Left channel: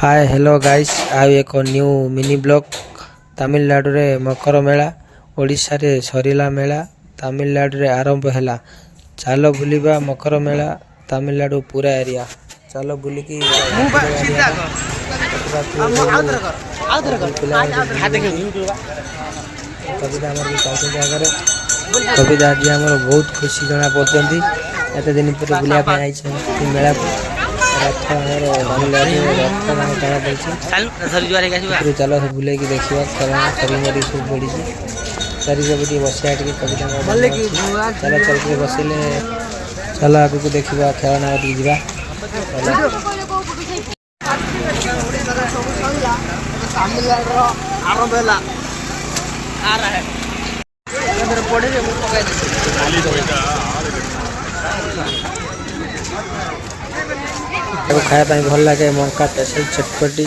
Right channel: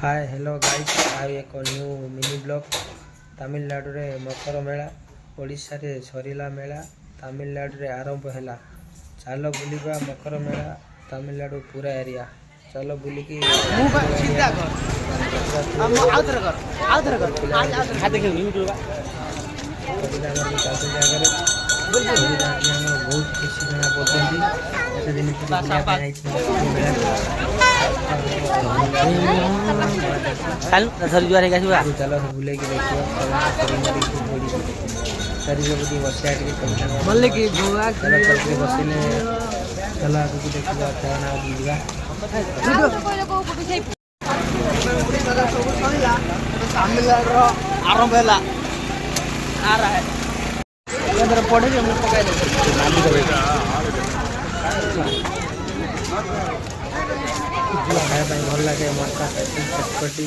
Hi hello guys आउ एक new mini blog Tamil Nadu रे मकर मेला ओडिशा रे सरिला मेला तमिलनाडु रे आरंभ हैला। चलो बुलिबा मकर मेला तमिलनाडु पूरा एरिया चलो बुली की कविता आज आमर बहुत खुशी जना पड़ती एत दिन पर बुलाया मेला को चलो बुले की देखा बसिया चल चल बसिले चल आगे देखा खेलना तमिलनाडु आरंभ खाया भल लगे मका स्पेशल चटपटी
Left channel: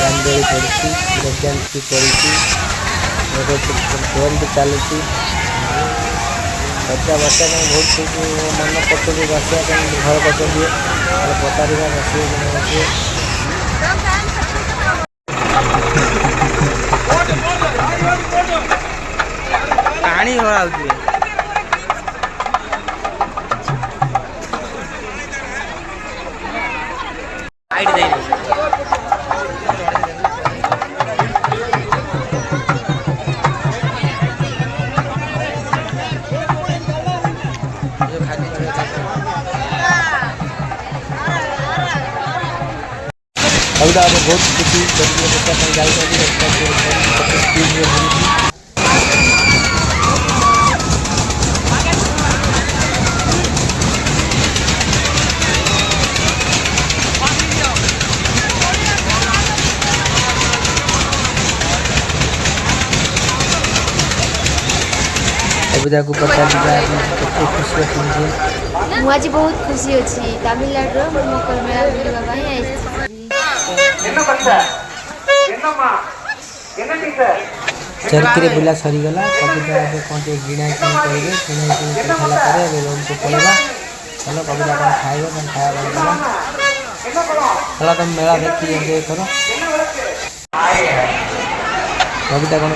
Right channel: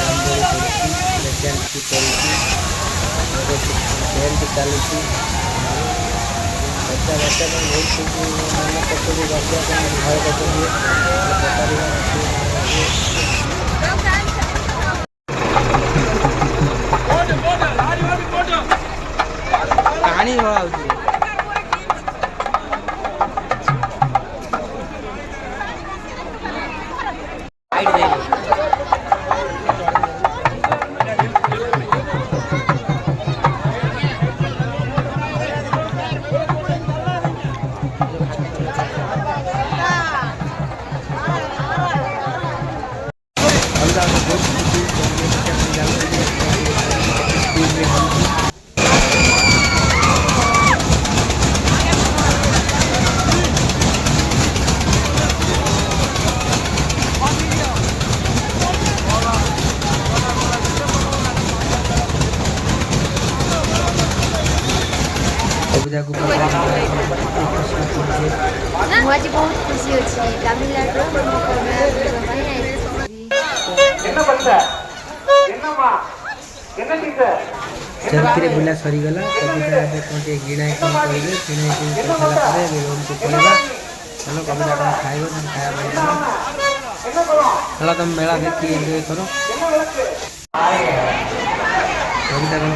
रामदोली पड़ी चलुची बच्चा बच्चा बहुत खुशी मन कर बसा घर कर पानी हाइट दे बहुत खुशी कविता को आज बहुत खुशी अच्छी तमिलनाडु चरखी बुला सरीगला कविता कौन गिणा करेंगे रोड को पड़ेगा चलो कविता कौन खाएगा खाया चलो तुम मेला देखी एंजॉय करो कविता कौन